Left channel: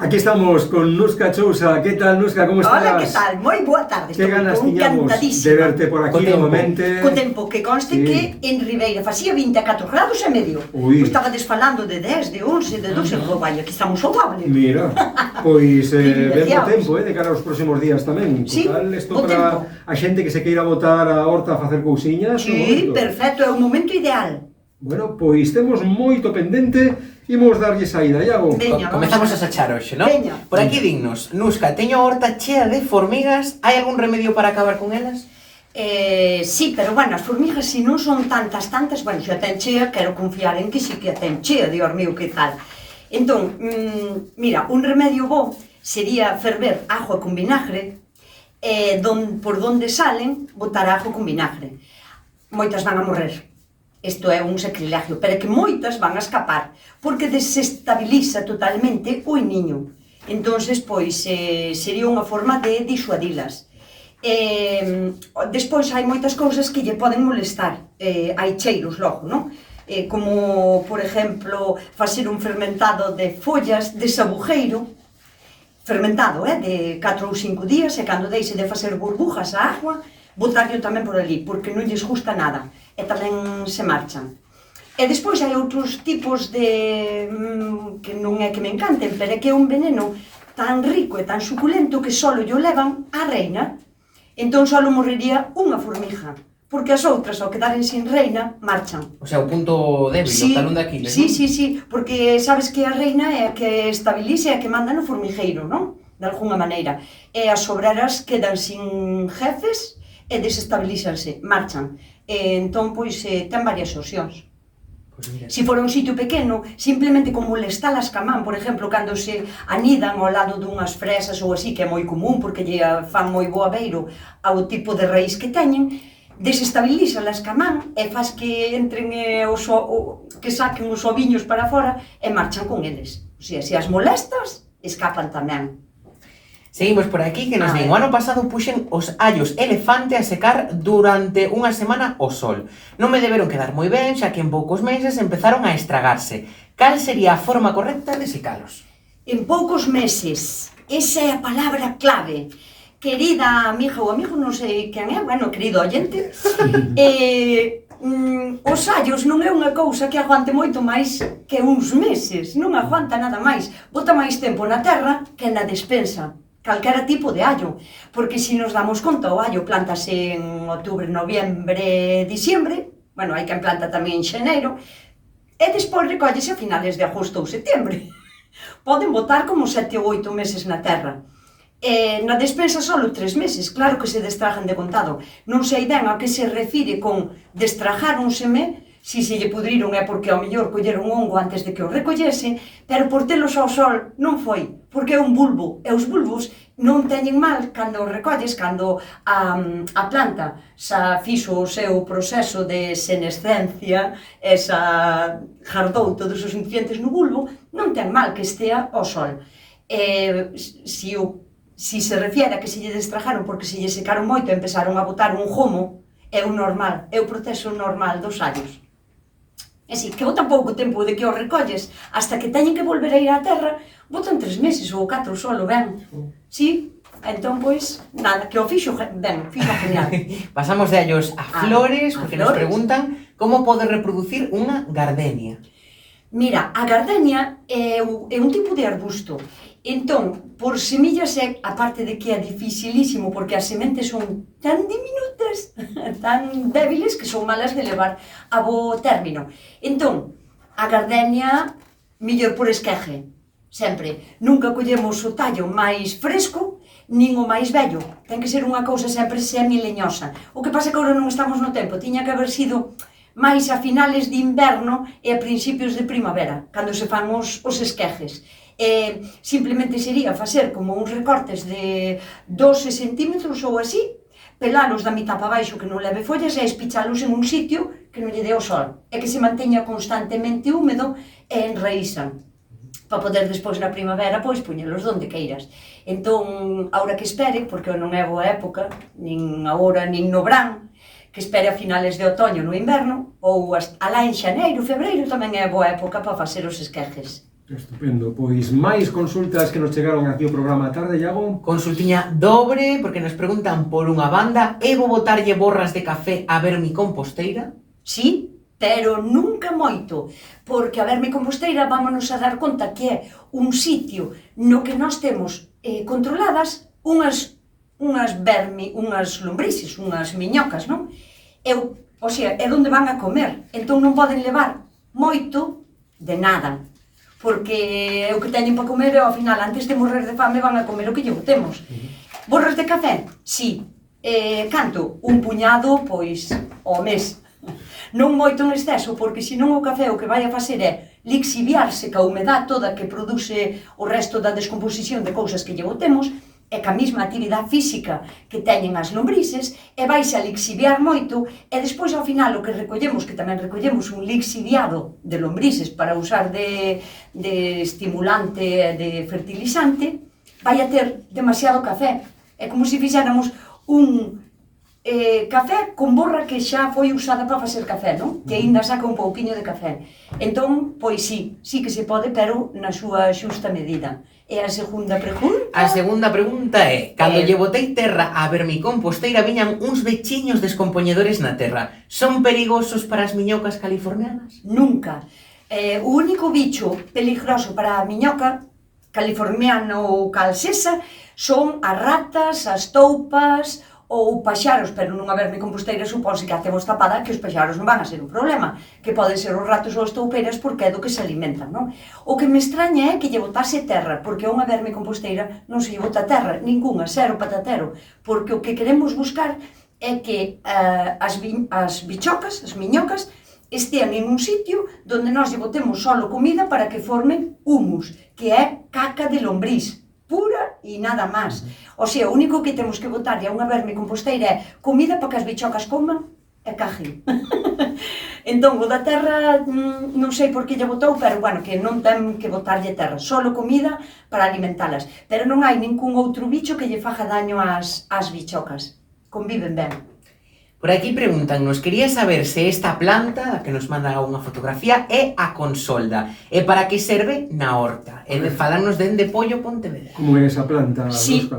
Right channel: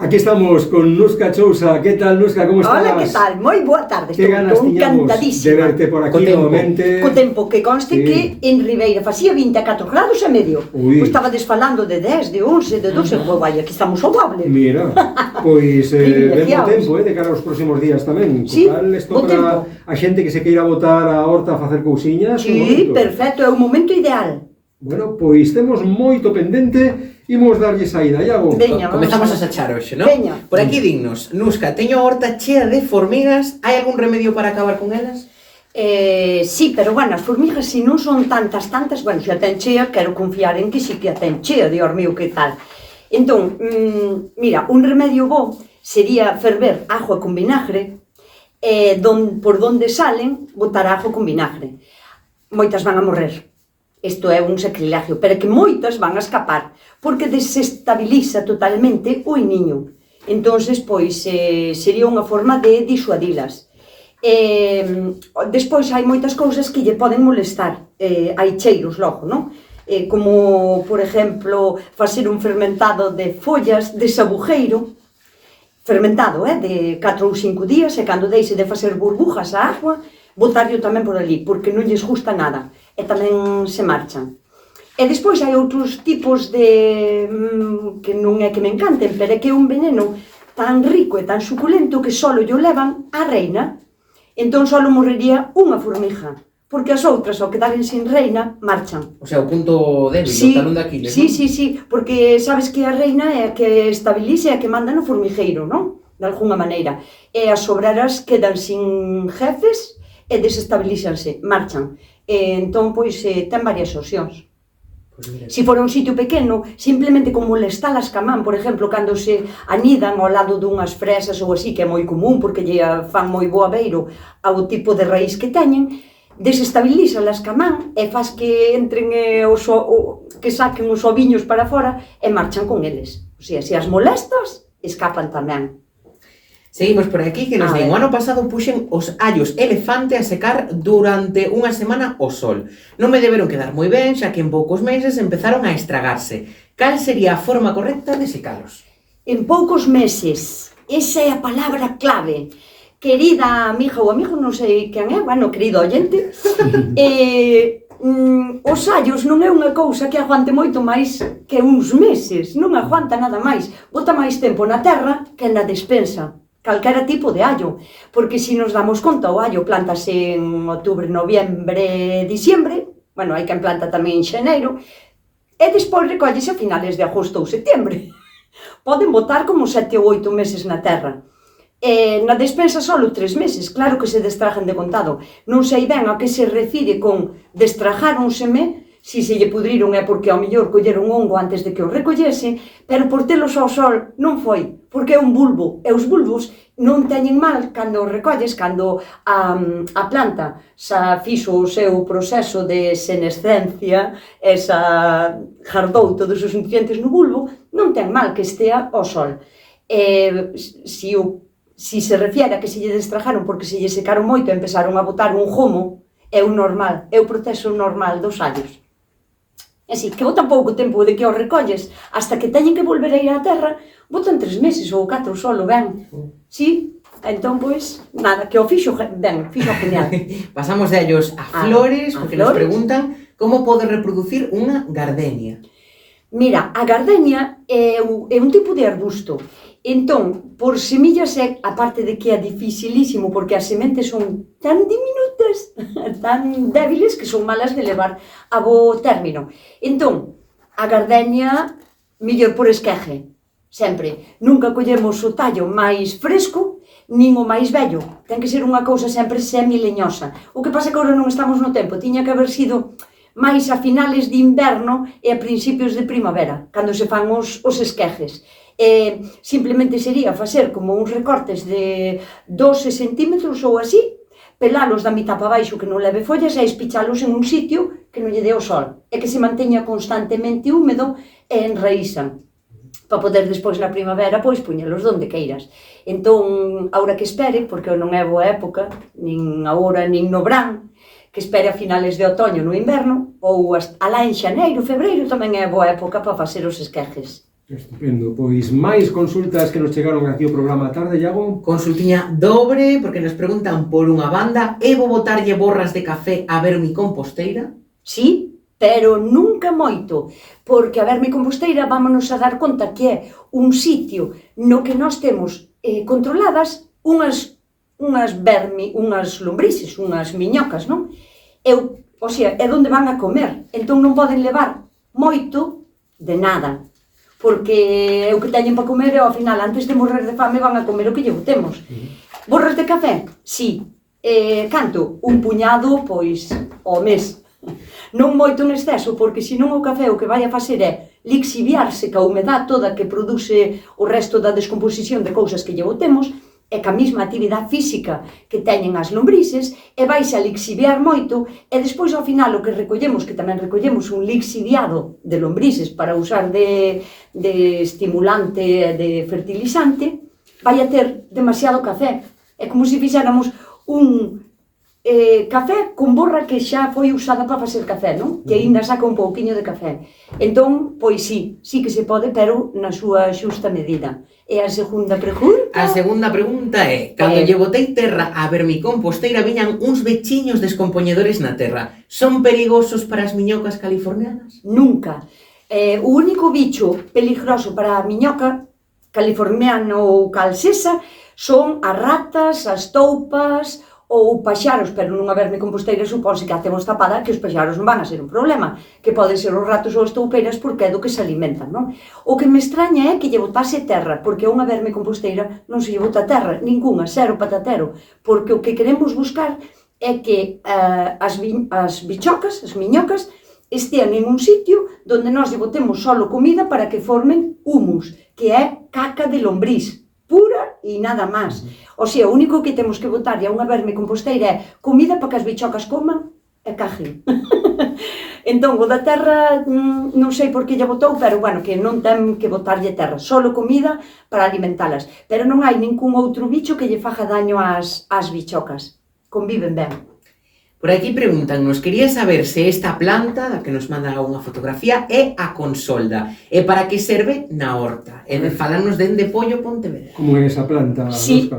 Aquí estamos con Nuska Chousa. ¿Qué tal, Nuska? ¿Cómo estás? Hola, ¿qué tal? Moi boa tarde. Que ganas tiñamos de verte por aquí novamente. Co tempo que conste que en Ribeira facía 24 grados e medio. Pois estabades falando de 10, de 11, de 12. Vai, aquí estamos ao doble. Mira, pois vendo tempo, de cara aos próximos días tamén. Total, isto para a xente que se queira botar a horta a facer cousiñas. Sí, perfecto, é o momento ideal. Bueno, pois temos moito pendente. Imos darlle saída, Iago. Comezamos a sachar hoxe, non? Veña. Por aquí dignos. Nuska, teño a horta chea de formigas. Hai algún remedio para acabar con elas? Sí, pero bueno, as formigas se non son tantas, bueno, se a ten chea, quero confiar en que si que a ten chea, Dios mío, que tal. Entón, mira, un remedio bo sería ferver agua con vinagre, por donde salen, botar agua con vinagre. Moitas van a morrer. Isto é un sacrilegio, pero que moitas van a escapar, porque desestabiliza totalmente o iniño. Entonces, pois, sería unha forma de disuadilas. Despois hai moitas cousas que lle poden molestar, hai cheiros logo, non? Como, por exemplo, facer un fermentado de follas de sabujeiro, fermentado, de 4 ou 5 días, e cando deixe de facer burbujas a agua, botarlo tamén por ali, porque non lles gusta nada, e tamén se marchan. E despois hai outros tipos de... que non é que me encanten, pero é que é un veneno tan rico e tan suculento que só lle levan a reina. Entón só morrería unha formiga, porque as outras, ao quedaren sin reina, marchan. O sea, o punto débil, o talón de Aquiles, non? Sí, porque sabes que a reina é a que estabiliza e a que manda no formigueiro, non? De alguna maneira. E as obreras quedan sin jefes e desestabilizanse, marchan. Entón, pois, ten varias opcións. Se for un sitio pequeno, simplemente con molestalas ca man, por exemplo, cando se anidan ao lado dunhas fresas ou así, que é moi común, porque lle fan moi bo aveiro ao tipo de raíz que teñen, desestabilizalas ca man e faz que entren que saquen os oviños para fora e marchan con eles. O sea, se as molestas, escapan tamén. Seguimos por aquí, que nos ven. O ano pasado puxen os allos elefante a secar durante unha semana ao sol. Non me deberon quedar moi ben, xa que en poucos meses empezaron a estragarse. Cal sería a forma correcta de secalos? En poucos meses. Esa é a palabra clave. Querida amiga ou amigo, non sei quen é, bueno, querido oyente, os allos non é unha cousa que aguante moito máis que uns meses, non aguanta nada máis. Bota máis tempo na terra que na despensa. Calquera tipo de allo, porque se nos damos conta, o allo plantase en outubro, noviembre, diciembre, bueno, hai quen planta tamén en xaneiro, e despois recollese a finales de agosto ou setembro. Poden botar como 7 ou 8 meses na terra. Na despensa só 3 meses, claro que se destrajan de contado. Non sei ben a que se refire con destrajáronseme. Si se lle pudriron é porque ao mellor colleron hongo antes de que o recollese, pero por telos ao sol non foi, porque é un bulbo, e os bulbos non teñen mal cando os recolles, cando a planta xa fixo o seu proceso de senescencia, xa jardou todos os nutrientes no bulbo, non ten mal que estea ao sol. Si se refiere a que se lle destrajaron porque se lle secaron moito e empezaron a botar un gomo, é o normal, é o proceso normal dos allos. É así, que botan pouco tempo de que os recolles hasta que teñen que volver a ir á terra, botan 3 meses ou 4 solo, ben. Sí, entón, pois, nada, que o fixo ben, fixo genial. Pasamos de allos a flores, porque nos preguntan como pode reproducir unha gardenia. Mira, a gardenia é un tipo de arbusto. Entón, por semillas é, aparte de que é dificilísimo, porque as sementes son tan diminutas, tan débiles, que son malas de levar a bo término. Entón, a gardenia, mellor por esqueje, sempre. Nunca collemos o tallo máis fresco, nin o máis vello. Ten que ser unha cousa sempre semileñosa. O que pasa que agora non estamos no tempo, tiña que haber sido máis a finales de inverno e a principios de primavera, cando se fan os esquejes. Simplemente sería facer como uns recortes de 12 centímetros ou así, pelalos da mitad para baixo que non leve follas e espichalos en un sitio que non lle dé o sol e que se manteña constantemente húmedo e enraízan para poder despois na primavera pois puñelos donde queiras. Entón, agora que espere, porque non é boa época, nin agora nin no verán, que espere a finales de otoño no inverno, ou alá en xaneiro, febreiro tamén é boa época para facer os esquejes. Estupendo, pois máis consultas que nos chegaron aquí ao programa a tarde, Iago. Consultiña dobre, porque nos preguntan por unha banda: Evo botarlle borras de café a vermicomposteira? Sí, pero nunca moito, porque a vermicomposteira vámonos a dar conta que é un sitio no que nós temos controladas unhas lombrices, unhas miñocas, non? O sea, é onde van a comer, entón non poden levar moito de nada, porque o que teñen para comer e ao final, antes de morrer de fame, van a comer o que lle botemos. Borras de café? Sí. Canto? Un puñado, pois, ao mes. Non moito en exceso, porque senón o café o que vai a facer é lixiviarse ca humedad toda que produce o resto da descomposición de cousas que lle botemos, e ca mesma actividade física que teñen as lombrices, e vais a lixiviar moito, e despois ao final o que recollemos, que tamén recollemos un lixiviado de lombrices para usar de estimulante, de fertilizante, vai a ter demasiado café. É como se fixéramos un café con borra que xa foi usada para facer café, non? Que aínda saca un pouquiño de café. Entón, pois sí que se pode, pero na súa xusta medida. E a segunda pregunta? A segunda pregunta é: cando lle botei terra a vermicomposteira viñan uns bechiños descompoñedores na terra. Son perigosos para as miñocas californianas? Nunca. O único bicho peligroso para a miñoca californiana ou calcesa son as ratas, as toupas ou paxaros, pero nunha vermicomposteira supónse que a temos tapada, que os paxaros non van a ser un problema, que poden ser os ratos ou as toupeiras porque é do que se alimentan, non? O que me extraña é que lle botase terra, porque a unha vermicomposteira non se lle bota terra, ninguna, cero patatero, porque o que queremos buscar é que as bichocas, as miñocas, estean en un sitio donde nós lle botemos solo comida para que formen humus, que é caca de lombriz, pura e nada máis. O sea, o único que temos que botar a unha vermicomposteira é comida para que as bichocas coman e cajen. Entón, o da terra, non sei por que lle botou, pero, bueno, que non ten que botarlle terra, solo comida para alimentalas. Pero non hai ningún outro bicho que lle faja daño ás bichocas. Conviven ben. Por aquí preguntannos: quería saber se esta planta, a que nos manda unha fotografía, é a consolda, e para que serve na horta. E falarnos dende Pollo Pontevedra. Como é esa planta? Sí,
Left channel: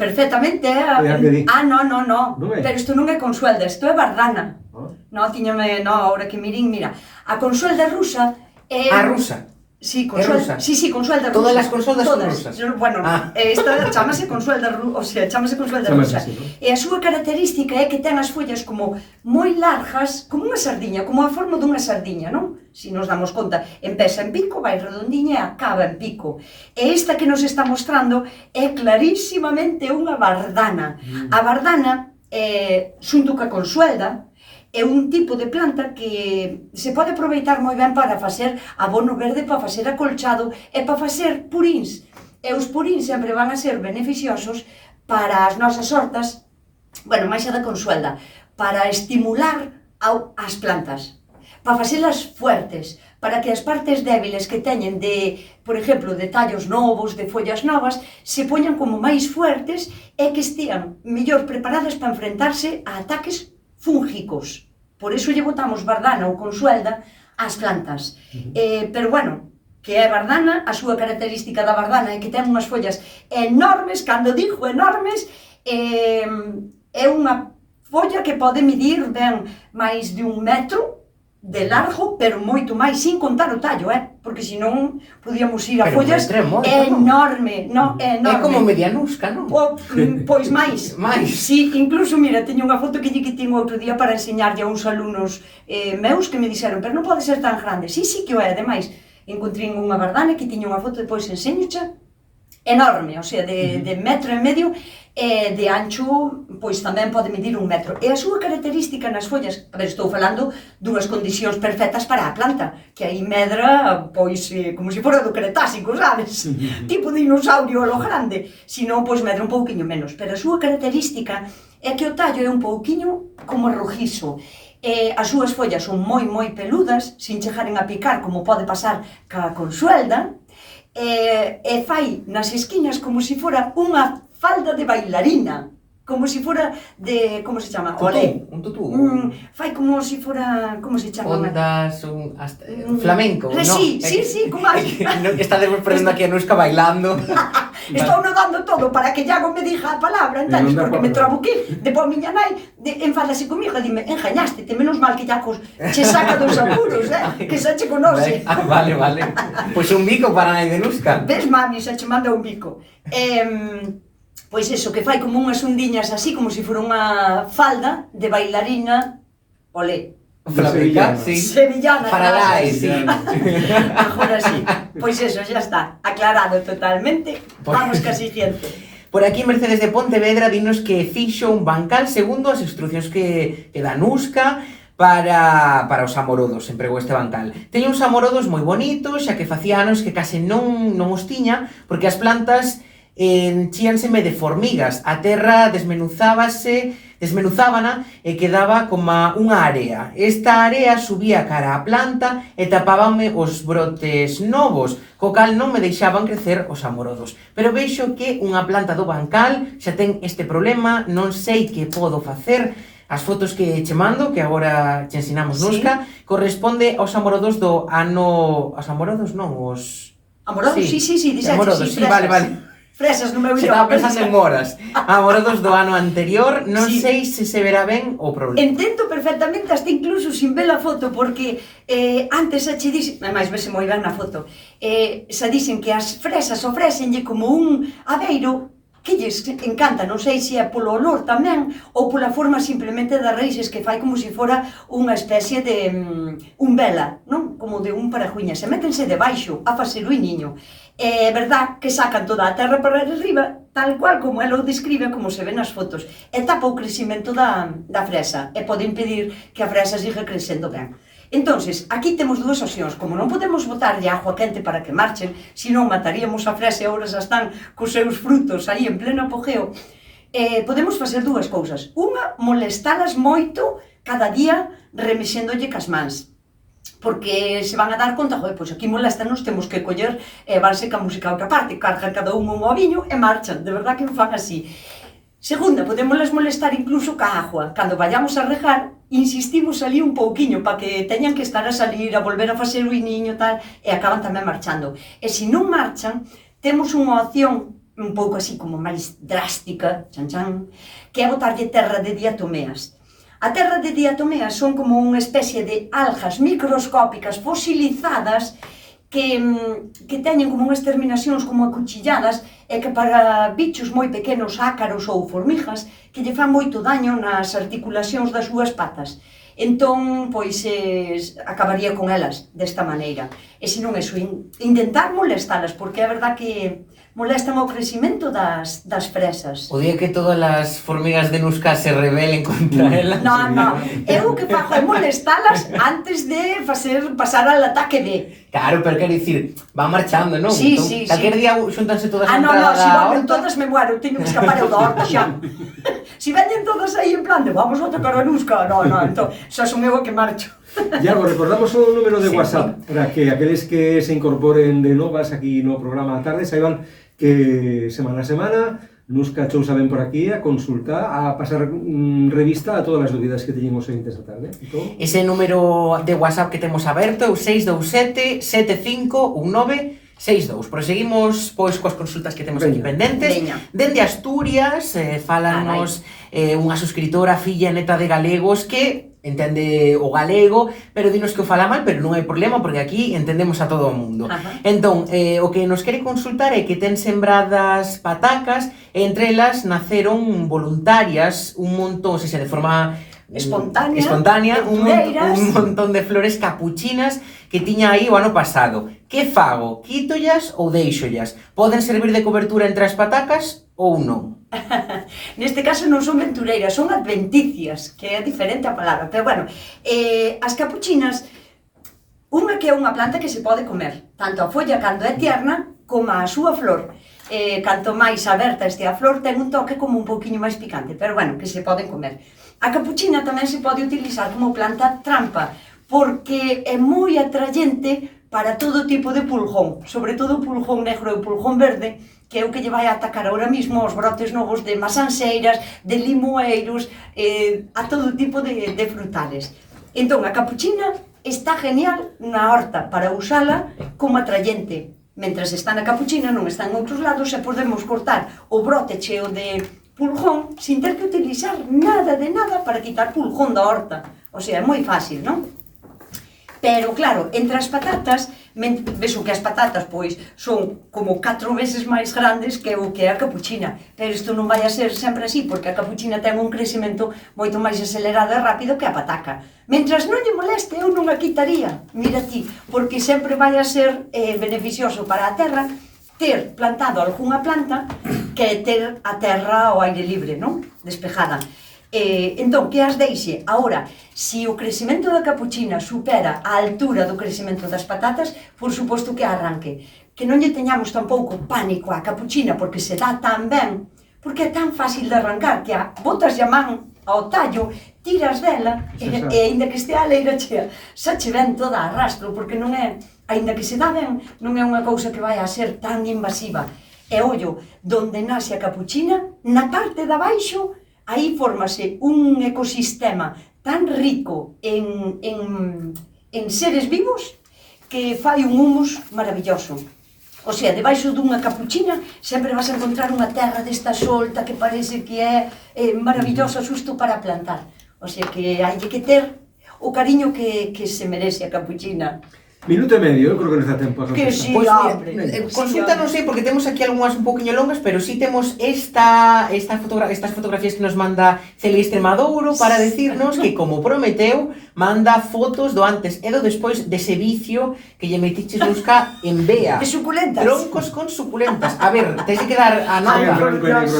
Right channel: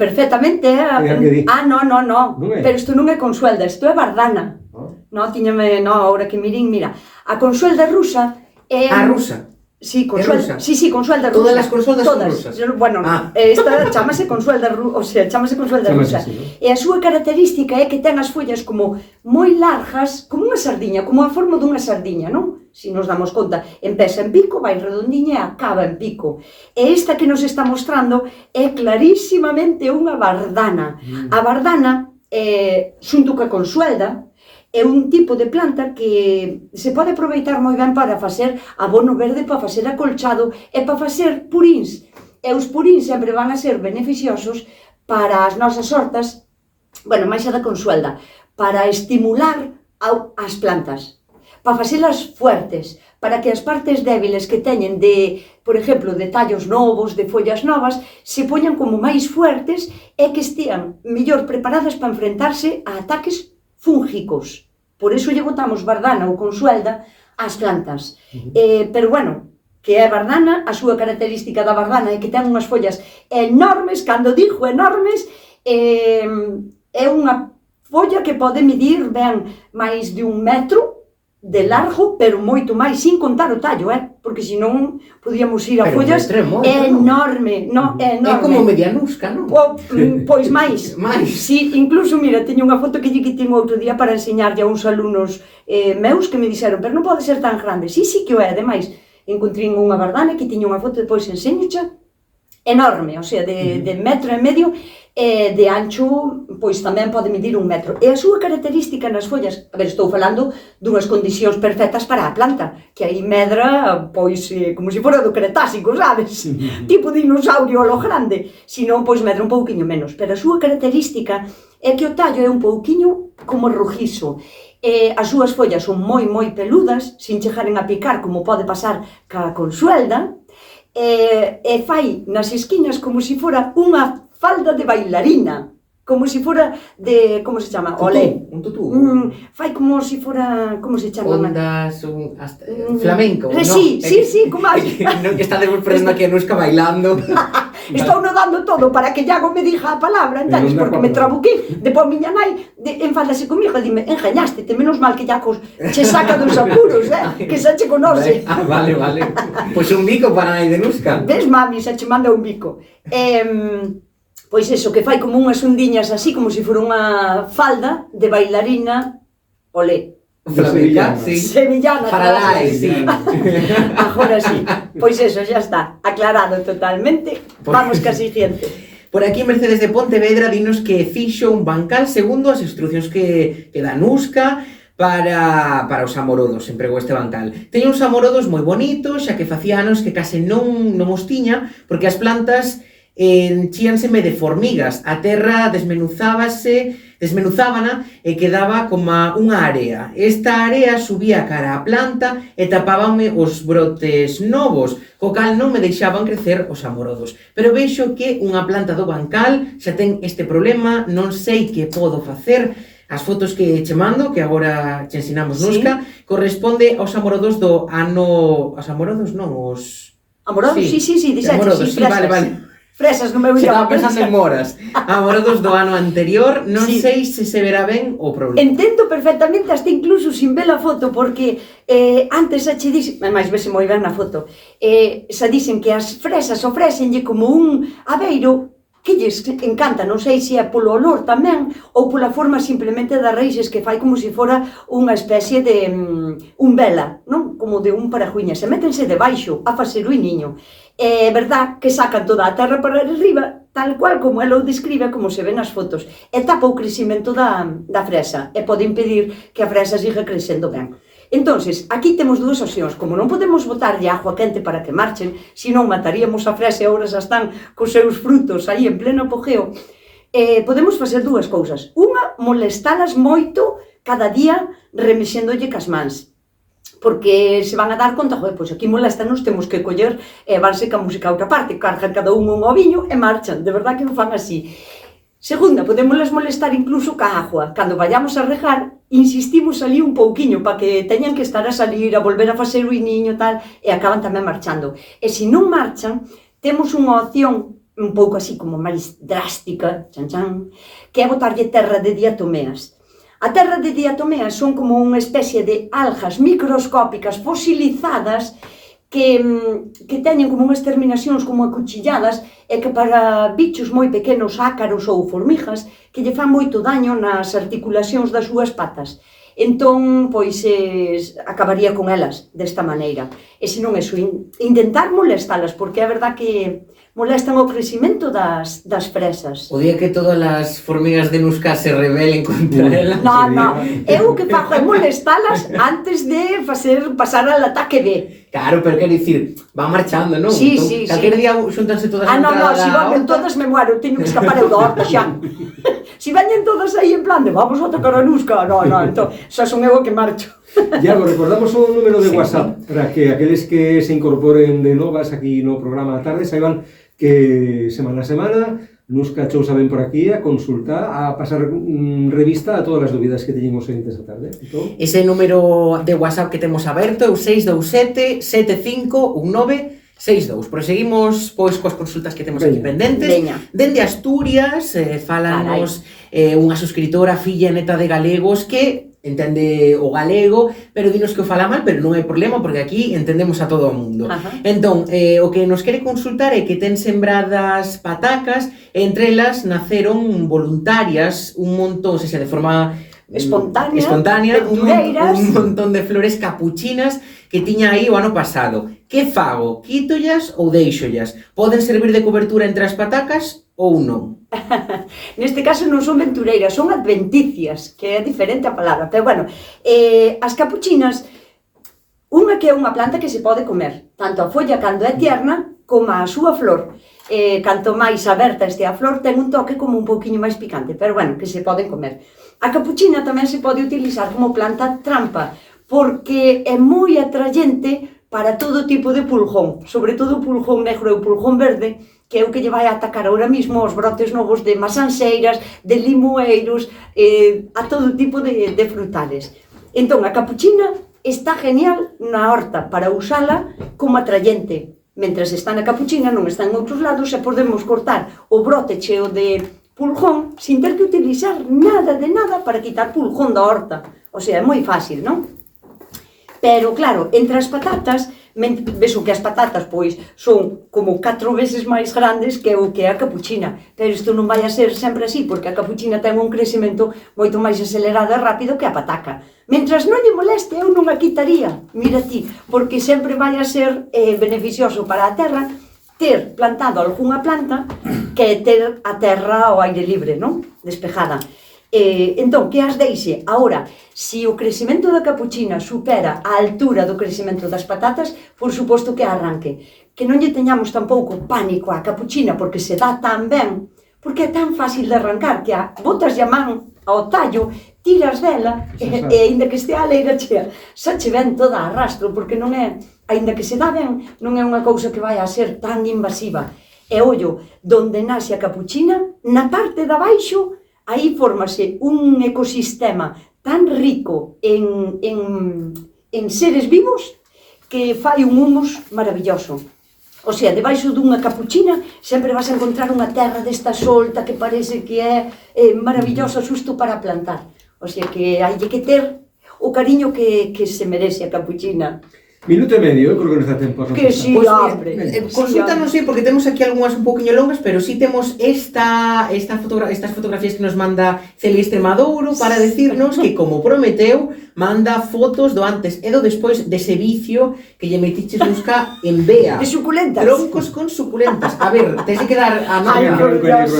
perfectamente. No, pero isto non é consuelda, isto é bardana. Ahora que mirín, mira, a consuelda rusa é... A rusa? Sí, consuelda rusa. Todas as consoldas son rusas? Bueno, esta chamase consuelda rusa, E a súa característica é que ten as follas como moi largas, como unha sardiña, como a forma dunha sardiña, non? Si nos damos conta, empeza en pico, vai redondiña e acaba en pico. E esta que nos está mostrando é clarísimamente unha bardana. A bardana, xunto ca consuelda, é un tipo de planta que se pode aproveitar moi ben para facer abono verde, para facer acolchado e para facer purins. E os purins sempre van a ser beneficiosos para as nosas hortas, bueno, máis a da consuelda, para estimular as plantas, para facelas fuertes, para que as partes débiles que teñen de, por exemplo, de tallos novos, de follas novas, se poñan como máis fuertes e que estean mellor preparadas para enfrentarse a ataques fúngicos. Por iso lle botamos bardana ou consuelda ás plantas. Pero, bueno, que é bardana, a súa característica da bardana é que ten unhas follas enormes, cando digo enormes, é unha folla que pode medir ben máis de 1 metro de largo, pero moito máis, sin contar o tallo, porque senón podíamos ir a follas enorme, é como medianusca, non? Pois máis. Sí, incluso, mira, teño unha foto que lle quitín outro día para enseñarlle a uns alumnos meus que me dixeron, pero non pode ser tan grande. Sí que o é, ademais, encontrei unha bardana que tiña unha foto, depois enseñocha, enorme, o sea, de 1,5 metros, e de ancho, pois tamén pode medir 1 metro. E a súa característica nas follas, a ver, estou falando dunhas condicións perfectas para a planta, que aí medra, pois, como se fora do Cretácico, sabes? Tipo dinosaurio a lo grande, senón, pois, medra un pouquiño menos. Pero a súa característica é que o tallo é un pouquiño como rojizo. As súas follas son moi peludas, sin chegaren a picar, como pode pasar ca consuelda, e fai nas esquinas como se fora unha falda de bailarina, como si fora de, como se chama? Olé. Un tutú. Fai como si fora, como se chama? Ondas, flamenco, ¿no? Sí, como así. Está poniendo aquí a Nuska bailando. Estou nodando todo para que Iago me dixa a palabra, entonces, porque me trabuquei. Depois miña nai enfádase comigo e dime, engañástete, menos mal que Iago che saca dos apuros, que xa che conoce. Vale. Pois un bico para a nai de Nuska. Ves, mami, xa che manda un bico. Pois eso, que fai como unhas ondiñas así, como se fora unha falda de bailarina, olé. Flamenca, sí. Sevillana. Faralai, sí. Agora sí. Pois eso, xa está, aclarado totalmente. Vamos ca siguiente. Por aquí Mercedes de Pontevedra dinos que fixo un bancal segundo as instruccións que dá Nuska para os amorodos, empregou este bancal. Teña uns amorodos moi bonitos, xa que facía anos que case non os tiña, porque as plantas enchíanseme de formigas, a terra desmenuzábana e quedaba como unha area. Esta area subía cara á planta e tapábame os brotes novos, co cal non me deixaban crecer os amorodos. Pero vexo que unha planta do bancal xa ten este problema, non sei que podo facer. As fotos que che mando, que agora che ensinamos, Nuska, corresponde aos amorodos do ano... Os amorodos non, os... Amorodos? Sí, dixete, amorodos, sí, vale. Fresas no meu Se idioma. estaba pensando en moras. Amorodos do ano anterior, non sei se se verá ben o problema. Entendo perfectamente, hasta incluso sin ver a foto, porque antes xa che dixen, máis vese moi ben na foto, xa dixen que as fresas ofrécenlle como un abeiro que lles encanta, non sei se é polo olor tamén ou pola forma simplemente das raíces, que fai como se fora unha especie de umbela, non? Como de un parajuña, se métense debaixo a facer o niño. É verdad que sacan toda a terra para arriba, tal cual como ela o describe, como se ve nas fotos, e tapa o crecimento da fresa, e pode impedir que a fresa siga crecendo ben. Entonces, aquí temos dúas opcións. Como non podemos botarlle agua quente para que marchen, senón mataríamos a fresa e agora xa están cos seus frutos aí en pleno apogeo, podemos facer dúas cousas. Unha, molestalas moito cada día remexéndolle cas mans, porque se van a dar conta, joder, pois aquí molestanos, temos que coller e vanse ca música a outra parte, cargan cada un oviño e marchan, de verdad que o fan así. Segunda, podémoslas molestar incluso ca agua. Cando vayamos a regar, insistimos ali un pouquiño para que teñan que estar a salir, a volver a facer o iniño, tal, e acaban tamén marchando. E se non marchan, temos unha opción un pouco así como máis drástica, que é botarlle terra de diatomeas. A terra de diatomeas son como unha especie de algas microscópicas fosilizadas que teñen como unhas terminacións como acuchilladas e que para bichos moi pequenos, ácaros ou formigas, que lle fan moito daño nas articulacións das súas patas. Entón, pois, acabaría con elas desta maneira. E se non eso, intentar molestalas, porque é verdad que molestan o crecimento das fresas. O día que todas as formigas de Nuska se rebelen contra ela. No, eu o que fago é molestalas antes de facer pasar al ataque de... Claro, pero quero dicir, van marchando, non? Sí, entón, sí. Calquer día xuntanse todas a entrada da horta. Se van todas me muero, teño que escapar eu da horta xa. Se veñen todas aí en plan de vamos a tocar a Nuska, no, entón, xa son eu que marcho. Iago, recordamos o número de WhatsApp para que aqueles que se incorporen de novas aquí no programa da tarde saiban que semana a semana Nuska Chousa ven por aquí a consultar, a pasar revista a todas as dúbidas que teñen os ointes da tarde. Entón... Ese número de WhatsApp que temos aberto é o 627 751962. Proseguimos pois coas consultas que temos aquí pendentes. Dende Asturias, fálanos unha suscritora, filla e neta de galegos que entende o galego, pero dinos que o fala mal, pero non hai problema, porque aquí entendemos a todo o mundo. Entón, o que nos quere consultar é que ten sembradas patacas, e entre elas naceron voluntarias un montón, se de forma espontánea, un montón de flores capuchinas que tiña aí o ano pasado. Que fago? Quítollas ou deixollas? Poden servir de cobertura entre as patacas ou non? Neste caso non son ventureiras, son adventicias, que é diferente a palabra, pero bueno, as capuchinas, unha que é unha planta que se pode comer, tanto a folla cando é tierna, como a súa flor. Canto máis aberta este a flor, ten un toque como un pouquiño máis picante, pero bueno, que se poden comer. A capuchina tamén se pode utilizar como planta trampa, porque é moi atrayente para todo tipo de pulgón, sobre todo o pulgón negro e o pulgón verde, que é o que lle vai a atacar ahora mismo os brotes novos de masanseiras, de limoeiros, a todo tipo de frutales. Entón, a capuchina está genial na horta para usala como atrayente. Mentras está na capuchina, non está en outros lados, e podemos cortar o brote cheo de pulgón sin ter que utilizar nada de nada para quitar pulgón da horta. O sea, é moi fácil, non? Pero, claro, entre as patatas, ves o que as patatas, pois, son como 4 veces máis grandes que o que é a capuchina. Pero isto non vai a ser sempre así, porque a capuchina ten un crecemento moito máis acelerado e rápido que a pataca. Mentras non lle moleste, eu non a quitaría, mira ti, porque sempre vai a ser beneficioso para a terra ter plantado algunha planta que ter a terra ao aire libre, non? Despejada. Entón, que as deixe? Ahora, se o crecemento da capuchina supera a altura do crecemento das patatas, por suposto que arranque. Que non lle teñamos tampouco pánico á capuchina, porque se dá tan ben, porque é tan fácil de arrancar, que botas a man ao tallo, tiras dela, e aínda que estea a leira chea, xa che ven toda a rastro, porque non é, aínda que se dá ben, non é unha cousa que vai a ser tan invasiva. E ollo, donde nace a capuchina, na parte de abaixo, aí fórmase un ecosistema tan rico en seres vivos que fai un humus maravilloso. O sea, debaixo dunha capuchina sempre vas a encontrar unha terra desta solta que parece que é maravillosa xusto para plantar. O sea, que hai que ter o cariño que se merece a capuchina. Minuto e medio, eu creo que nos dá tempo a Que sí, Pues, hombre. consulta non sei, porque temos aquí algunhas un poquinho longas, pero sí temos estas fotografías que nos manda Celia Extremadouro para decirnos que, como prometeu, manda fotos do antes e do despois dese vicio que lle metiches busca en Bea. De suculentas. Troncos con suculentas. A ver, tens que dar a nota.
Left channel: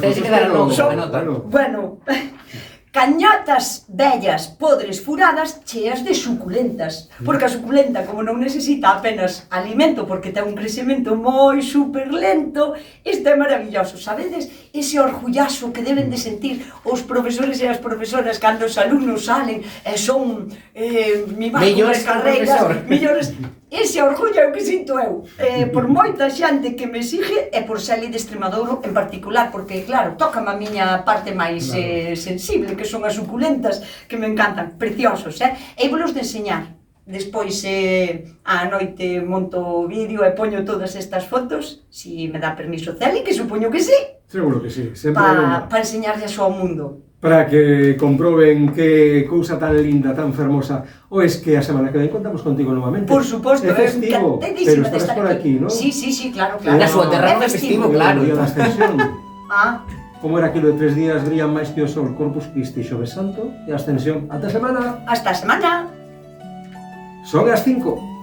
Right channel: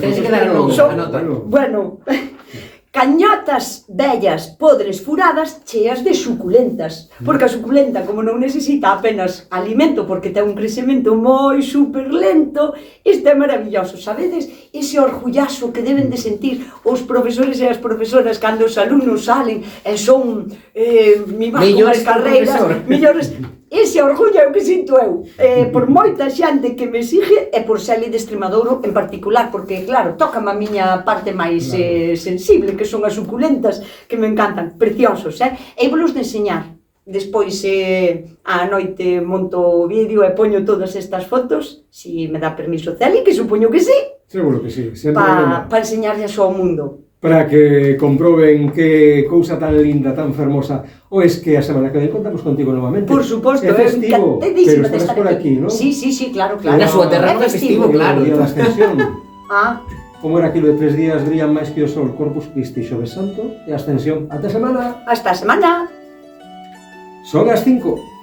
Tens que dar a nota. Bueno, cañotas vellas, podres, furadas, cheas de suculentas. Porque a suculenta, como non necesita apenas alimento, porque ten un crecemento moi super lento, isto é maravilloso, sabedes? Ese orgullazo que deben de sentir os profesores e as profesoras cando os alumnos salen e son mellores carreiras, mellores. Ese orgullo é o que sinto eu, por moita xente que me sigue e por Celia de Extremadouro en particular, porque, claro, tócame a miña parte máis sensible, que son as suculentas, que me encantan, preciosos, e vos de enseñar. Despois, á noite, monto o vídeo e poño todas estas fotos, si me dá permiso Celia, que supoño que sí. Seguro que sí, sempre para enseñarles ao mundo. Para que comproben que cousa tan linda, tan fermosa. O es que a semana que ven contamos contigo novamente. Por suposto, é festivo, pero estarás por aquí, ¿no? Sí, claro. Na súa terra é festivo, claro. O día da Ascensión. Como era aquilo de 3 días brillan máis que o sol, Corpus Christi, Xoves Santo e Ascensión. Ata semana. Hasta a semana. Son as 5.